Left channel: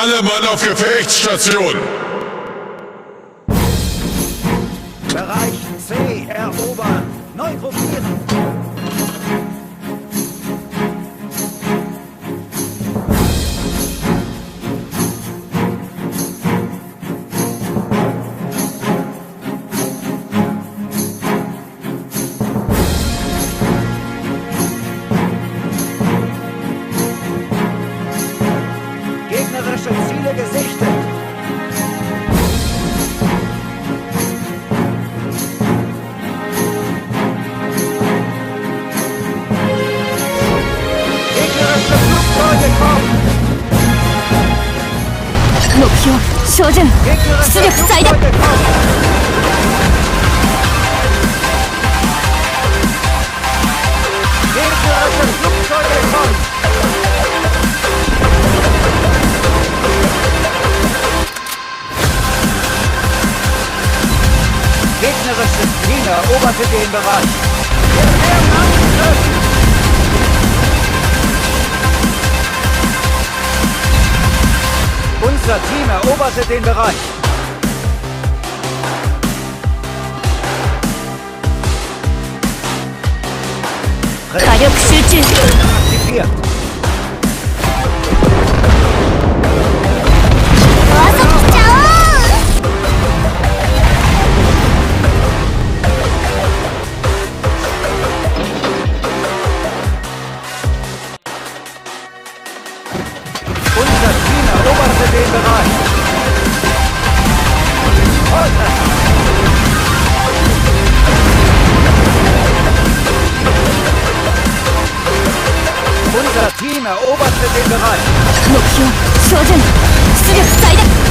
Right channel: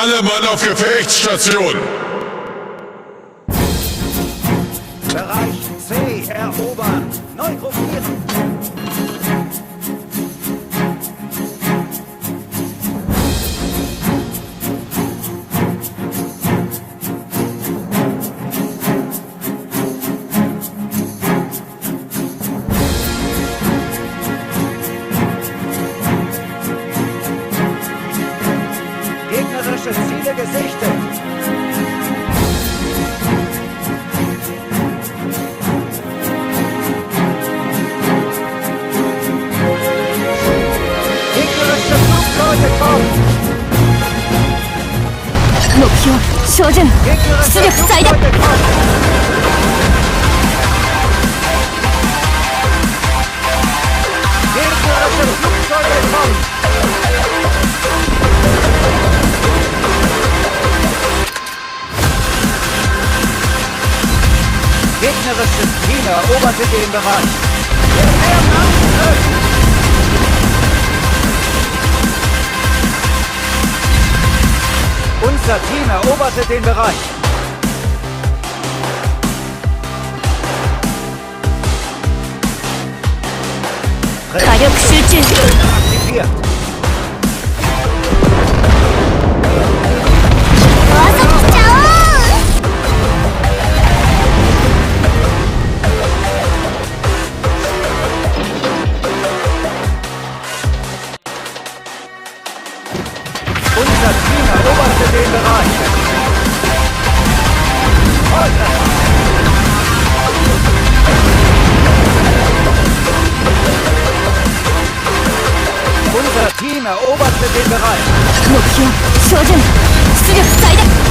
Alle Mann auf Gefechtsstation! Bereich C erobern. Neu gruppieren. Gegnerische Ziele gesichtet. Gegnerische Flugzeuge kommen. 目標照準 Gegnerische 出力最大 Flugzeuge kommen. Gegnerische Flugzeuge kommen. Gegnerisches Team eroberte den Bereich. Wir nehmen Angriff. Unser Team eroberte den Bereich. Präzision 火力集中 aktiviert. 川崎ちゃおう Unser Team eroberte den Bereich. Volltreffer. Unser Team eroberte den Bereich. 目標照準出力最大